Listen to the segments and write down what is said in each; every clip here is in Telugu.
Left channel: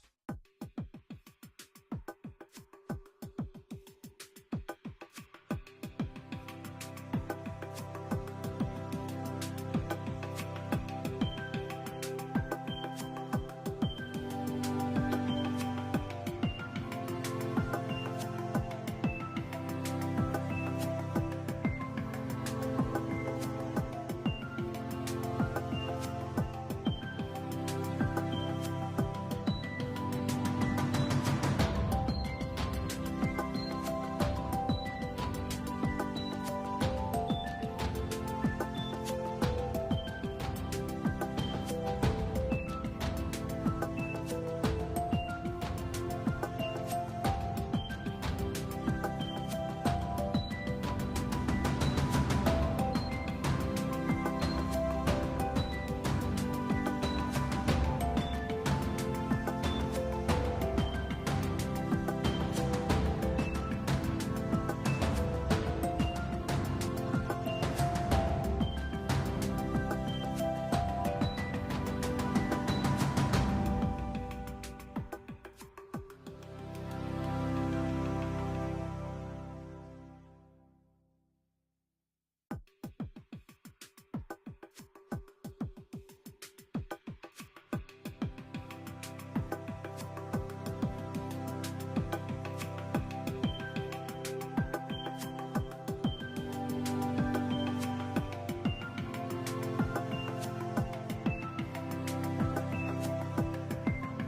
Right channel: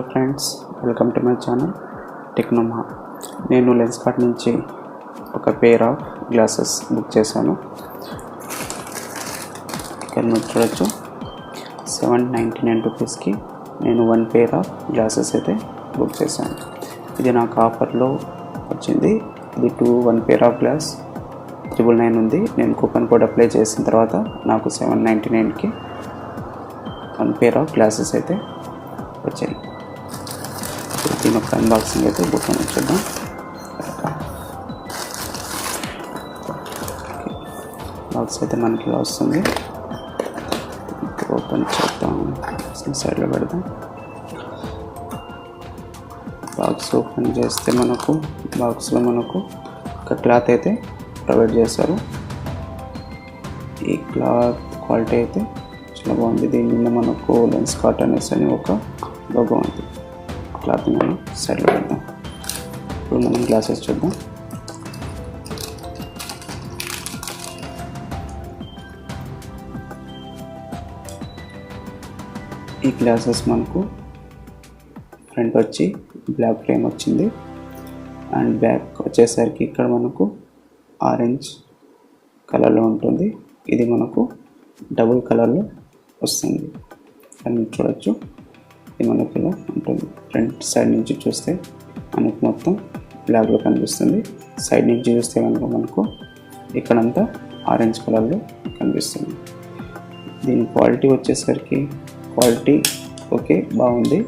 Hello friends, welcome to my channel techno మహా. నేను లెన్స్ కార్ట్ నుంచి ఒక పేర్ ఆఫ్ గ్లాసెస్ బుక్ చేశాను. ఇక్కడ మీరు చూడొచ్చు, 799 రూపీస్కి నేను 1 పేర్ ఆఫ్ గ్లాసెస్ అయితే బుక్ చేశాను. ఇది నాకు ఆఫర్లో వచ్చింది. ఇది 1 పేర్ ఆఫ్ గ్లాస్ 999 ఉంది. నేను కూపన్ కోడ్ అప్లై చేసిన తర్వాత నాకు 799కి 1 పేర్ ఆఫ్ గ్లాసెస్ అయితే వచ్చాయి. దీని ఒక అన్బాక్సింగ్ అయితే బుక్ అని చూద్దాం. బాక్స్ అయితే మనకి ఇలా వస్తుంది. ఓపెన్ చేద్దాం, సైడ్లో పెడదాం. బాక్స్ ఓపెన్ చేస్తే బాక్స్లో మనకు ఒక క్లాత్ అయితే ప్రొవైడ్ చేశారు. ఈ క్లాత్ క్వాలిటీ అయితే చాలా బాగుంది. దీని మీద మనకు లెన్స్ కార్ట్ అనేసి అని ఒక లోగో ఉంది. క్లాత్ మనం సైడ్లో పెడదాం. ఇప్పుడు మనం గ్లాసెస్ చూద్దాం. ఈ గ్లాసెస్ మనకు ఫ్రంట్ వచ్చి బ్లాక్ ఫ్రేమ్ వచ్చింది అండ్ బ్యాక్ వచ్చేసరికి ఇక్కడ మనకు ఆరెంజ్ కలర్లో ఉంటుంది. ఇది మనకు డబుల్ కలర్లో వస్తుంది అని చూడొచ్చు. ఇది మనకు ఇలా ఉంటుంది. ఫ్రంట్ సైడ్ నుంచి చూస్తే మనకు మొత్తం బ్లాక్లో కనిపిస్తుంది. సైడ్ నుంచి చూస్తే కనుక మనకు ఇక్కడంతా ఆరెంజ్ కలర్లో కనిపిస్తుంది. దీని క్వాలిటీ వచ్చేసరికి ఓకే, బాగుంది.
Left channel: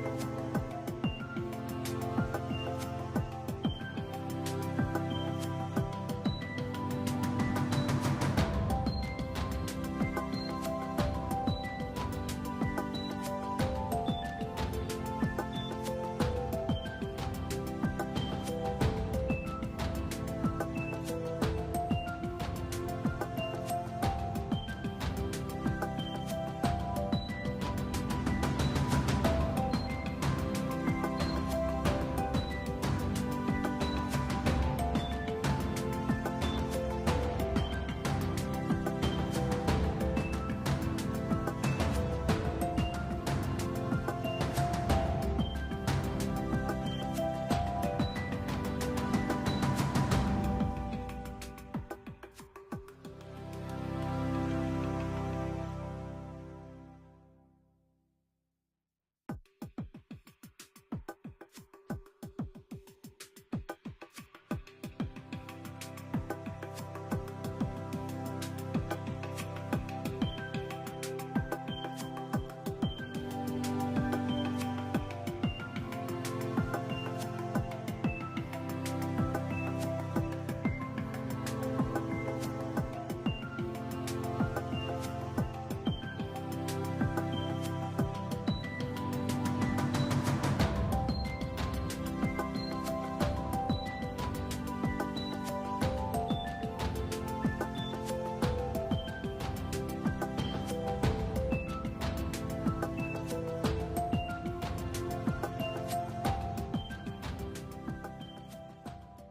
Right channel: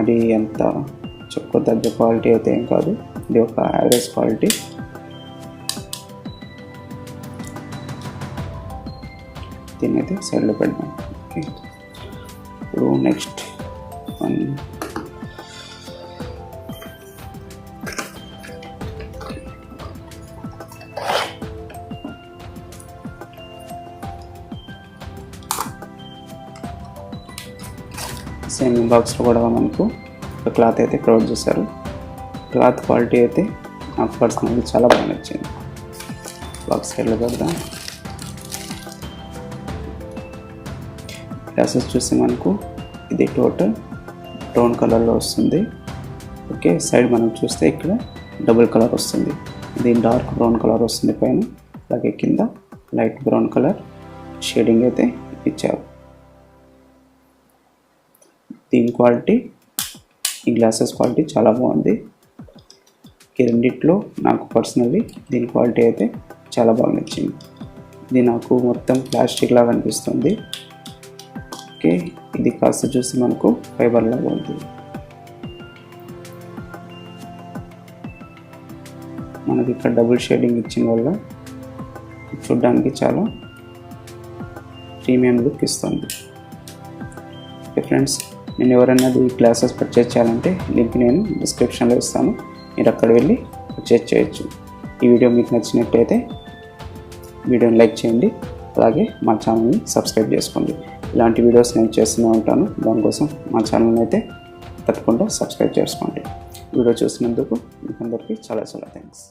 అది అంత చెప్పుకోదగ్గ క్వాలిటీ అయితే ఏం కాదు. ఇది ఒక యావరేజ్ క్వాలిటీ. దీన్ని అయితే సైడ్లో పెడదాం. ఇప్పుడు నెక్స్ట్ సేమ్ బాక్స్లో కూడా మనకు ఒక క్లాత్ అయితే ప్రొవైడ్ చేశారు. క్లాత్ క్వాలిటీ అయితే నాకు పర్సనల్గా చాలా బాగా నచ్చింది. బాక్స్ సైడ్లో పెడదాం. గ్లాసెస్ చూస్తే మనకు ఇది టోటల్ బ్రౌన్ కలర్లో వస్తుంది. ఓకే, సైడ్ మనం చూస్తే ఇక్కడ డబుల్ కలర్ వస్తుంది. ఇది డార్క్ బ్రౌన్ కలర్ వస్తుంది పైన, అలాగే కింద లైట్ బ్రౌన్ కలర్ షేడింగ్ అయితే ఇచ్చారు. దీని క్వాలిటీ, ఈ గ్లాసెస్ క్వాలిటీ చాలా బాగుంది. ఈ రెండిట్లో నాకు పర్సనల్లీ దీని క్వాలిటీ అయితే చాలా బాగా నచ్చింది. ఇది నాకు మొత్తం ప్లాస్టిక్ లాగా అనిపిస్తుంది. ఓకే, ఇది కాస్త చూసి మనకు ఫైబర్ లాగా ఉంటుంది. మనకి ఇక్కడ డబుల్ షేడింగ్ ఇచ్చిన వల్ల చూడడానికి చాలా ప్రీమియం లుక్ ఇస్తుంది. ఫ్రెండ్స్, నేను ఎవరైనా ఈ గ్లాసెస్ పర్చేజ్ చేయాలంటే లింక్ నేను డిస్క్రిప్షన్లో ఇస్తాను. మీరు అక్కడ వెళ్ళి పర్చేజ్ చేయొచ్చు. ఈ వీడియో మీకు నచ్చినట్టయితే వీడియోని లైక్ చేయండి, అలాగే మా ఛానల్ని సబ్స్క్రైబ్ చేసుకోండి. ఇలాంటి వీడియోస్ నేను చేస్తూనే ఉంటాను. దానికోసం మా ఛానల్ని అయితే తప్పకుండా సబ్స్క్రైబ్ చేసుకోండి. వీడియో చూసినందుకు మీకు అందరికీ చాలా థ్యాంక్స్.